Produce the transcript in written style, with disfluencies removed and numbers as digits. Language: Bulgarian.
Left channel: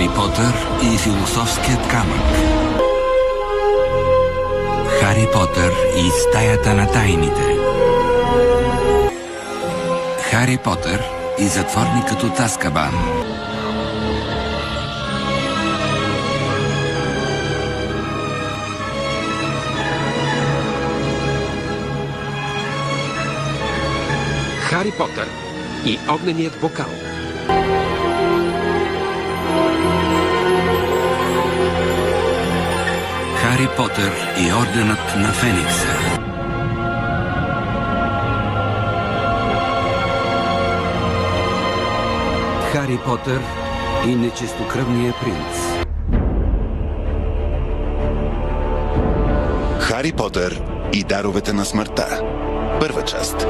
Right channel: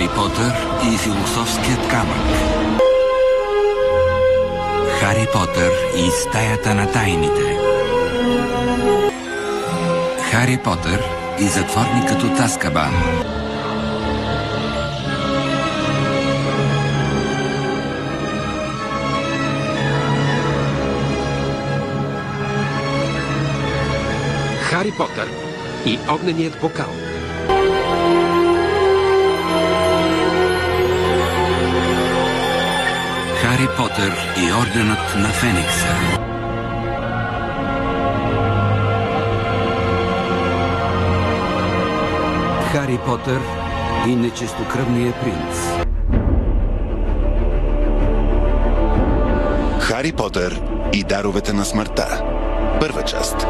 Хари Потър и философският камък. Хари Потър и стаята на тайните. Хари Потър и затворникът от Азкабан. Хари Потър и огненият бокал. Хари Потър и орденът на Феникса. Хари Потър и нечистокръвния принц. Хари Потър и даровете на смъртта. Първа част.